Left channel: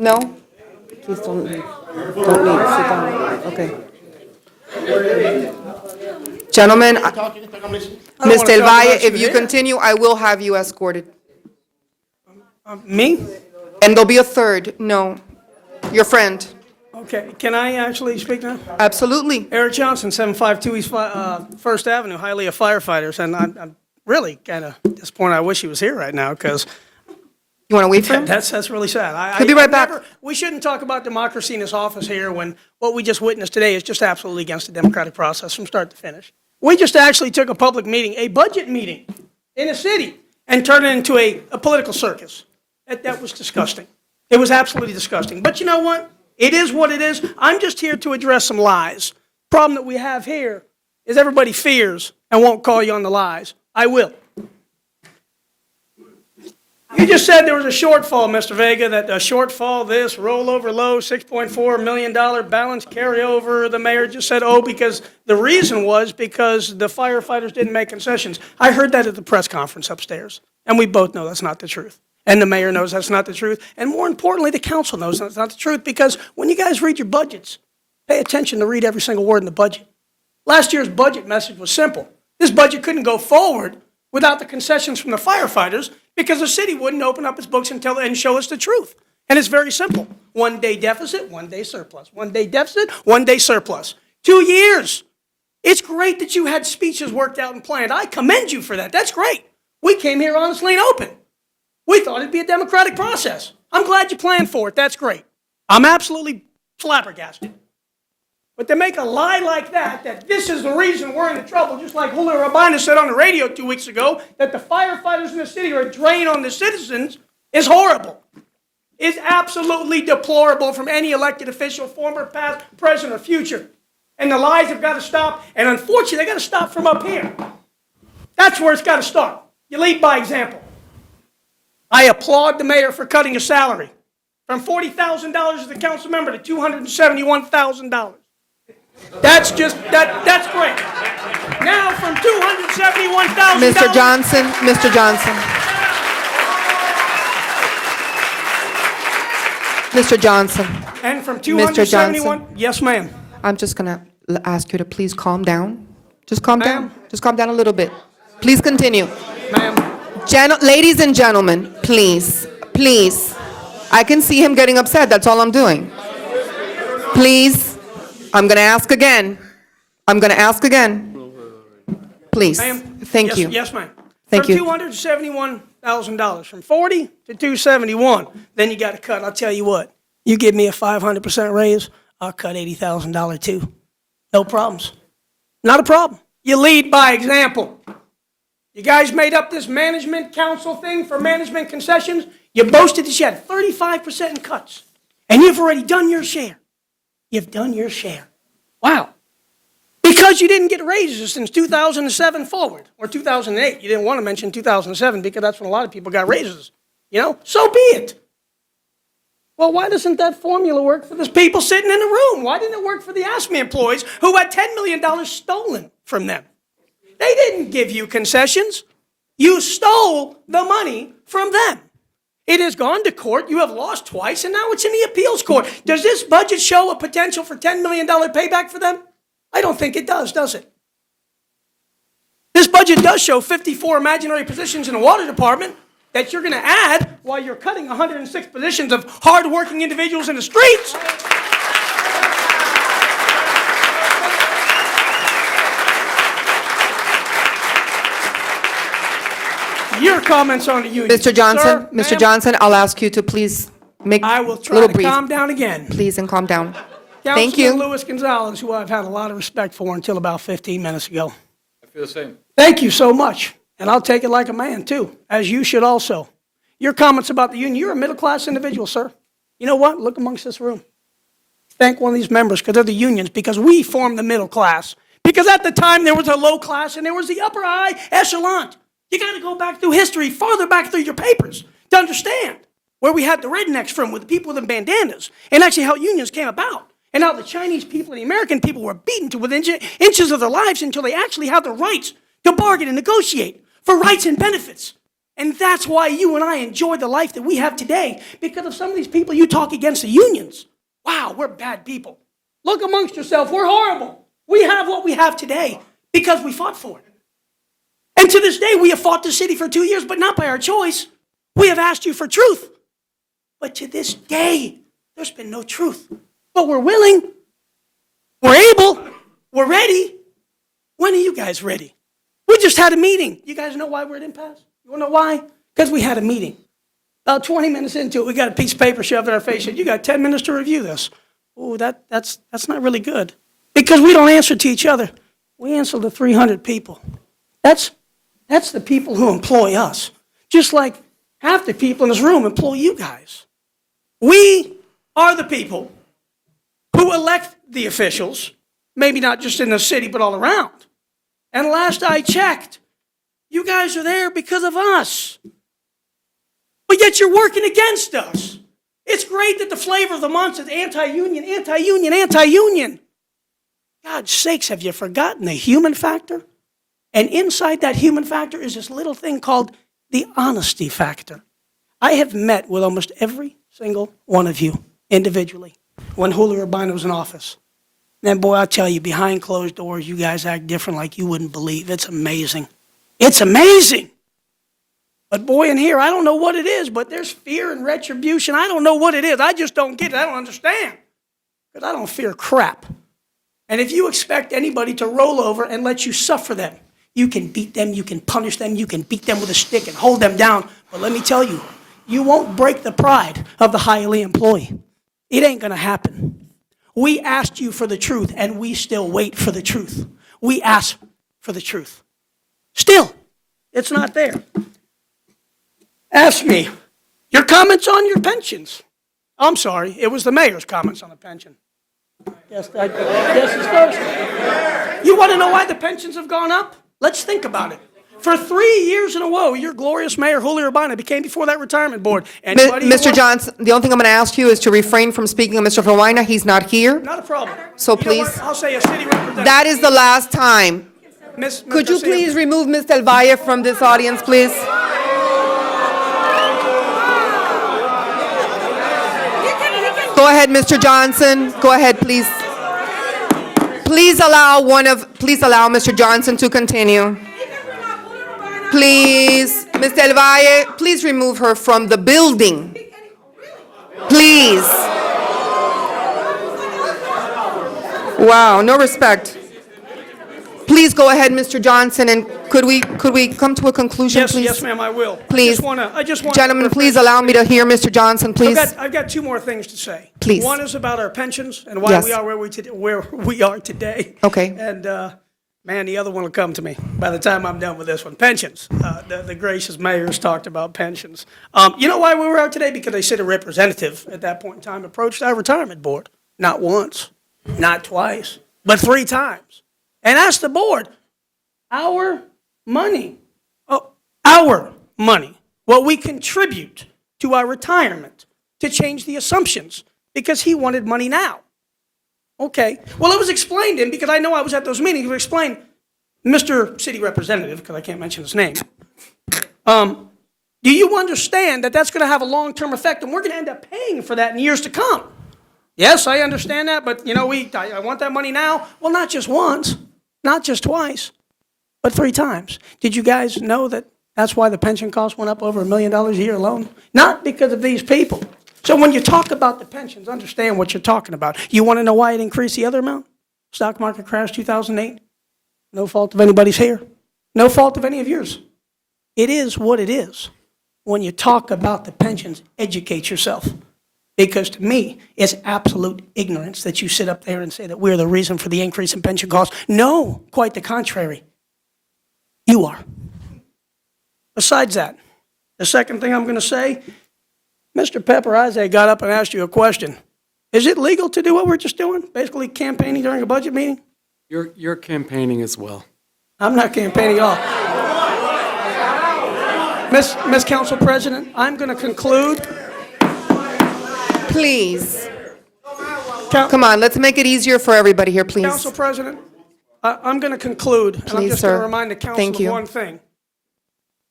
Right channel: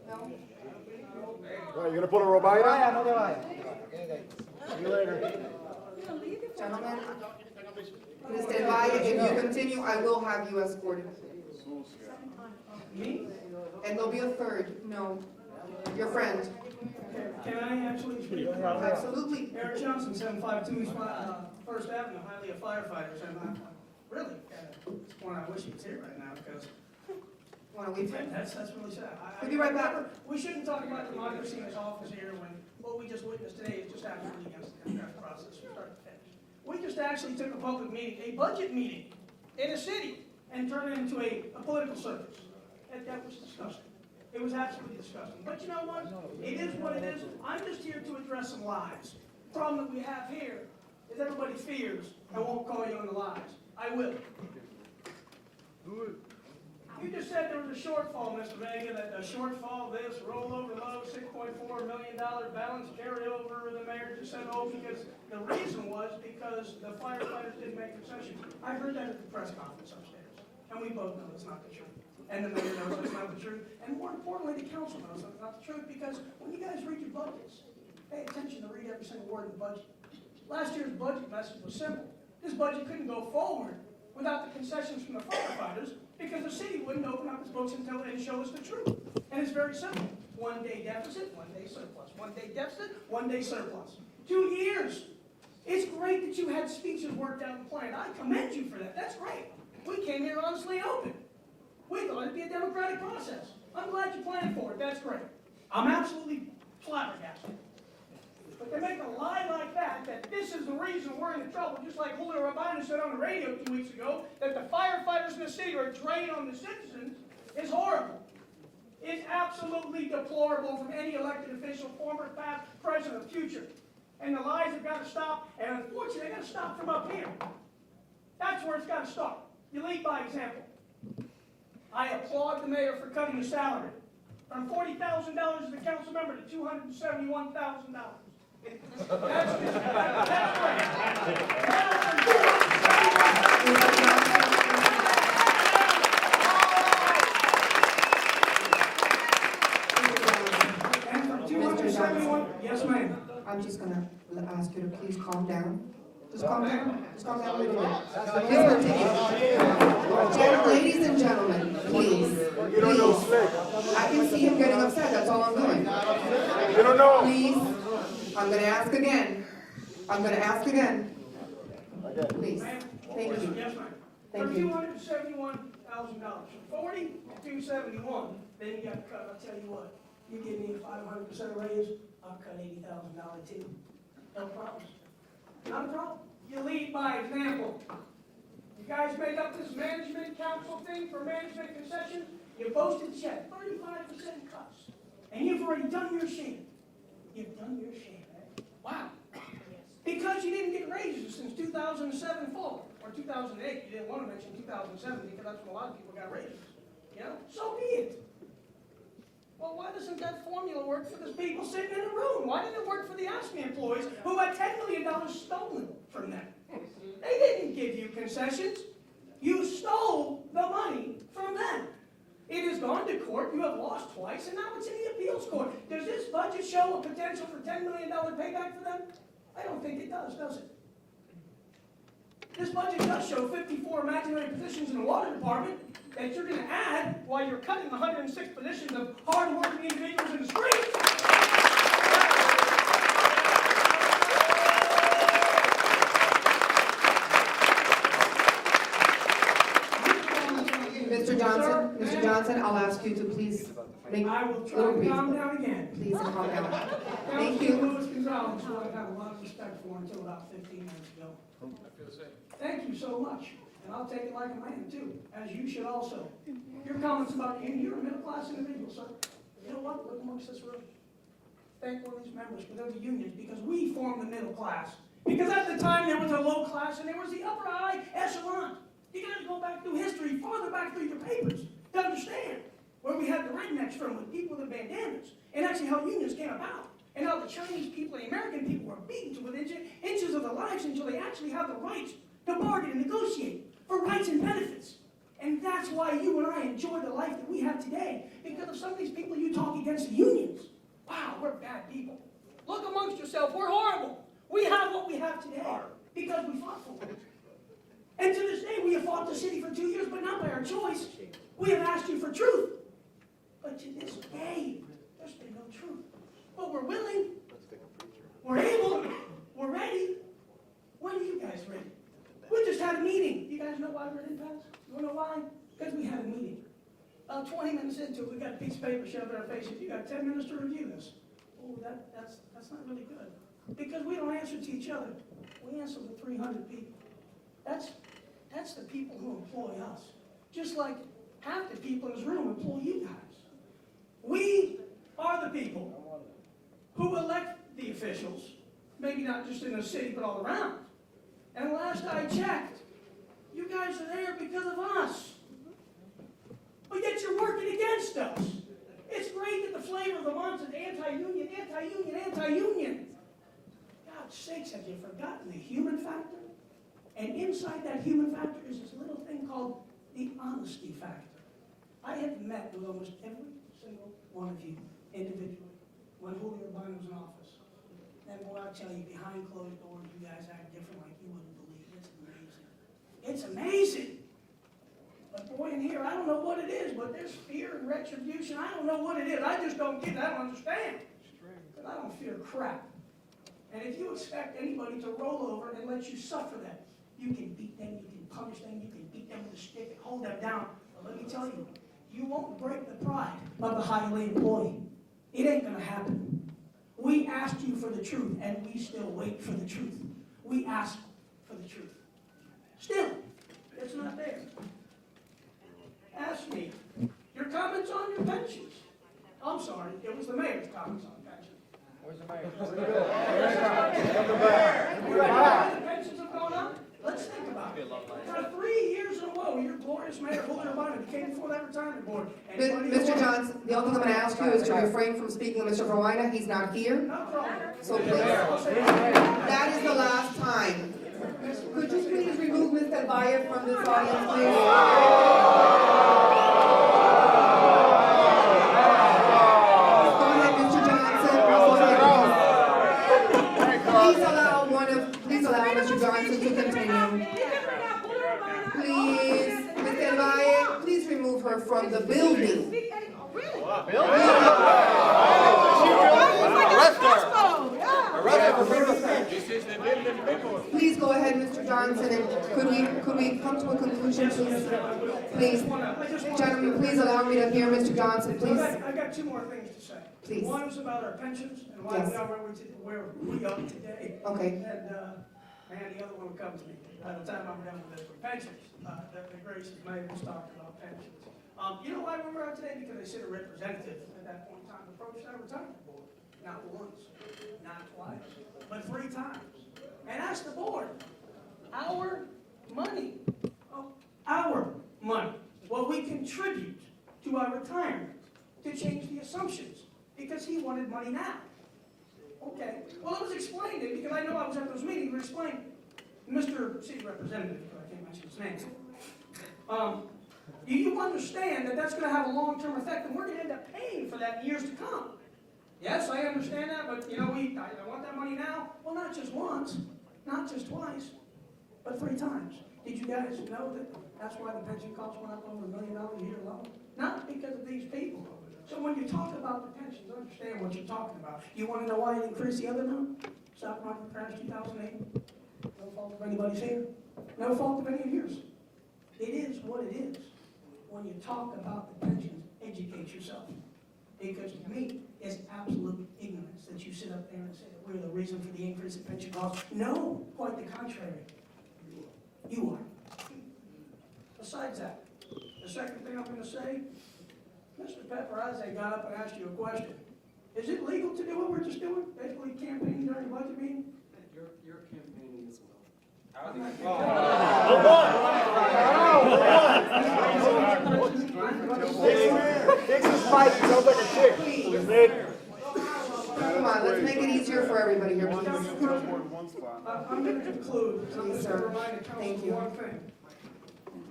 No? Please don't leave. Don't leave. Sit down. Okay. Gentlemen, Ms. Del Valle, if you continue, I will have you escorted. Me? And there'll be a third. No. Your friend. Okay, can I actually speak now? Absolutely. Eric Johnson, 752 East First Avenue, Hialeah Firefighters, and I'm really kind of disappointed. I wish he was here right now, because You want to wait for him? that's really sad. He'll be right back. We shouldn't talk about democracy in this office here when what we just witnessed today is just absolutely against the democratic process from start to finish. We just actually took a public meeting, a budget meeting in a city, and turned it into a political circus. That was disgusting. It was absolutely disgusting. But you know what? It is what it is. I'm just here to address some lies. Problem that we have here is everybody fears and won't call you on the lies. I will. You just said there was a shortfall, Mr. Vega, that a shortfall, this, rollover low, $6.4 million balance carryover. The mayor just said, oh, because the reason was because the firefighters didn't make concessions. I heard that at the press conference upstairs, and we both know that's not the truth. And the mayor knows that's not the truth. And more importantly, the council knows that's not the truth, because when you guys read your budgets, pay attention to read every single word in the budget. Last year's budget message was simple. This budget couldn't go forward without the concessions from the firefighters, because the city wouldn't open up its books and show us the truth. And it's very simple. 1 day deficit, 1 day surplus. 1 day deficit, 1 day surplus. 2 years. It's great that you had speeches worked out and planned. I commend you for that. That's great. We came here honestly and open. We thought it'd be a democratic process. I'm glad you planned for it. That's great. I'm absolutely flabbergasted. But to make a lie like that this is the reason we're in trouble, just like Julio Rabina said on the radio 2 weeks ago, that the firefighters in the city are a drain on the citizens, is horrible. Is absolutely deplorable from any elected official, former, past, present, or future. And the lies have got to stop, and unfortunately, they got to stop from up here. That's where it's got to start. You lead by example. I applaud the mayor for cutting his salary from $40,000 as a council member to $271,000. That's just, that's great. Now from $271,000. Mr. Johnson, Mr. Johnson. Mr. Johnson. And from Mr. 271, Johnson. yes, ma'am. I'm just going to ask you to please calm down. Just calm down. Just calm down a little bit. Please continue. Ma'am. Ladies and gentlemen, please, please. I can see him getting upset. That's all I'm doing. Please. I'm going to ask again. I'm going to ask again. Please. Thank you. Yes, ma'am. Thank you. $271,000 from 40 to 271. Then you got to cut. I'll tell you what. You give me a 500% raise, I'll cut $80,000 too. No problems. Not a problem. You lead by example. You guys made up this management council thing for management concessions. You boasted that you had 35% in cuts. And you've already done your share. You've done your share. Wow. Because you didn't get raises since 2007 forward, or 2008. You didn't want to mention 2007 because that's when a lot of people got raises. You know, so be it. Well, why doesn't that formula work for the people sitting in the room? Why didn't it work for the ASME employees who had $10 million stolen from them? They didn't give you concessions. You stole the money from them. It has gone to court, you have lost twice, and now it's in the appeals court. Does this budget show a potential for $10 million payback for them? I don't think it does it? This budget does show 54 imaginary positions in the water department that you're going to add while you're cutting 106 positions of hard-working individuals in the streets. Your comments on the union. Mr. Johnson, Sir, Mr. Johnson, I'll ask you to please make I will a try little to brief. calm down again. Please, and calm down. Councilman Thank you. Luis Gonzalez, who I've had a lot of respect for until about 15 minutes ago. I feel the same. Thank you so much. And I'll take it like a man, too, as you should also. Your comments about the union, you're a middle-class individual, sir. You know what? Look amongst this room. Thank one of these members because they're the unions, because we formed the middle class. Because at the time there was a low class and there was the upper high echelon. You got to go back through history, farther back through your papers to understand where we had the rednecks from with the people with the bandanas and actually how unions came about and how the Chinese people and the American people were beaten to within inches of their lives until they actually had the rights to bargain and negotiate for rights and benefits. And that's why you and I enjoy the life that we have today, because of some of these people you talk against the unions. Wow, we're bad people. Look amongst yourself, we're horrible. We have what we have today because we fought for it. And to this day, we have fought the city for 2 years, but not by our choice. We have asked you for truth. But to this day, there's been no truth. But we're willing, we're able, we're ready. When are you guys ready? We just had a meeting. You guys know why we're at impasse? You wanna know why? Because we had a meeting. About 20 minutes into it, we got a piece of paper shoved in our face. Said, you got 10 minutes to review this. Oh, that's not really good. Because we don't answer to each other. We answer to 300 people. That's the people who employ us. Just like half the people in this room employ you guys. We are the people who elect the officials, maybe not just in the city, but all around. And last I checked, you guys are there because of us. But yet you're working against us. It's great that the flavor of the month is anti-union, anti-union, anti-union. God's sakes, have you forgotten the human factor? And inside that human factor is this little thing called the honesty factor. I have met with almost every single one of you individually when Julio Urbina was in office. And boy, I'll tell you, behind closed doors, you guys act different like you wouldn't believe. It's amazing. It's amazing. But boy, in here, I don't know what it is, but there's fear and retribution. I don't know what it is. I just don't get it. I don't understand. But I don't fear crap. And if you expect anybody to roll over and let you suffer them, you can beat them, you can punish them, you can beat them with a stick and hold them down. But let me tell you, you won't break the pride of the Hialeah employee. It ain't gonna happen. We asked you for the truth, and we still wait for the truth. We ask for the truth. Still, it's not there. Ask me, your comments on your pensions. I'm sorry, it was the mayor's comments on the pension. Yes, it's Thursday. You want to know why the pensions have gone up? Let's think about it. For 3 years in a row, your glorious mayor, Julio Urbina, became before that retirement board. Mr. Johnson, the only thing I'm going to ask you is to refrain from speaking of Mr. Urbina. He's not here. Not a problem. So You know please. what? I'll say a city representative. That is the last time. Could you please remove Ms. Del Valle from this audience, please? Go ahead, Mr. Johnson. Go ahead, please. Please allow Mr. Johnson to continue. Please, Ms. Del Valle, please remove her from the building. Please. Wow, no respect. Please go ahead, Mr. Johnson, and could we come to a conclusion, please? Yes, ma'am, I will. Please. I just want Gentlemen, please allow me to hear Mr. Johnson, please. I've got two more things to say. Please. One is about our pensions and why Yes. we are where we are today. Okay. And, man, the other one will come to me by the time I'm done with this one. Pensions. The gracious mayor's talked about pensions. You know why we were out today? Because they said a representative at that point in time approached our retirement board. Not once, not twice, but 3 times. And asked the board, our money, what we contribute to our retirement, to change the assumptions, because he wanted money now. Okay, well, it was explained to him, because I know I was at those meetings, it was explained, Mr. City Representative, because I can't mention his name, do you understand that that's going to have a long-term effect, and we're going to end up paying for that in years to come? Yes, I understand that, but, you know, I want that money now. Well, not just once, not just twice, but 3 times. Did you guys know that that's why the pension cost went up over $1 million a year alone? Not because of these people. So when you talk about the pensions, understand what you're talking about. You want to know why it increased the other amount? Stock market crash 2008. No fault of anybody's here. No fault of any of yours. It is what it is. When you talk about the pensions, educate yourself. Because to me, it's absolute ignorance that you sit up there and say that we're the reason for the increase in pension costs. No, quite the contrary. You are. Besides that, the second thing I'm going to say, Mr. Pepper Isaac got up and asked you a question. Is it legal to do what we're just doing? Basically campaigning during a budget meeting? You're campaigning as well. I'm not campaigning at all. Ms. Council President, I'm going to conclude. Please. Come on, let's make it easier for everybody here, please. Council President, I'm going to conclude, and I'm Please, just going sir. to remind the Thank council you. of one thing.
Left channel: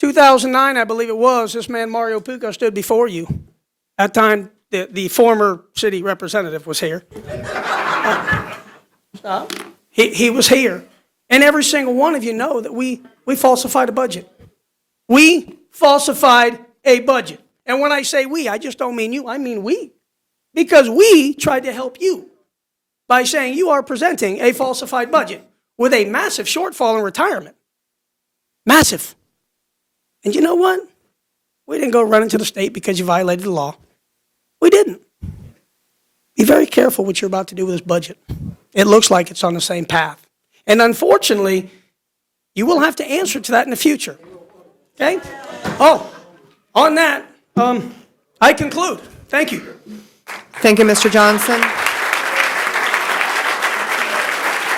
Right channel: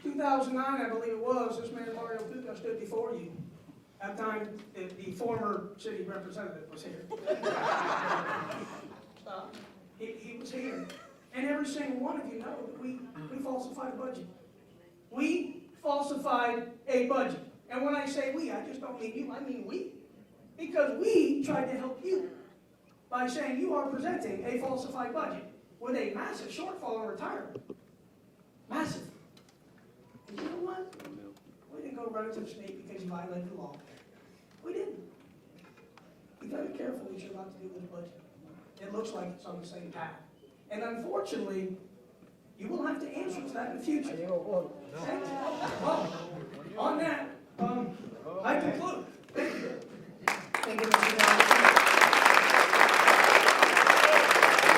2009, I believe it was, this man Mario Pucco stood before you. At that time, the former city representative was here. Stop. He was here. And every single one of you know that we falsified a budget. We falsified a budget. And when I say we, I just don't mean you, I mean we. Because we tried to help you by saying you are presenting a falsified budget with a massive shortfall in retirement. Massive. And you know what? We didn't go running to the state because you violated the law. We didn't. Be very careful what you're about to do with this budget. It looks like it's on the same path. And unfortunately, you will have to answer to that in the future. Okay? Oh, on that, I conclude. Thank you. Thank you, Mr. Johnson.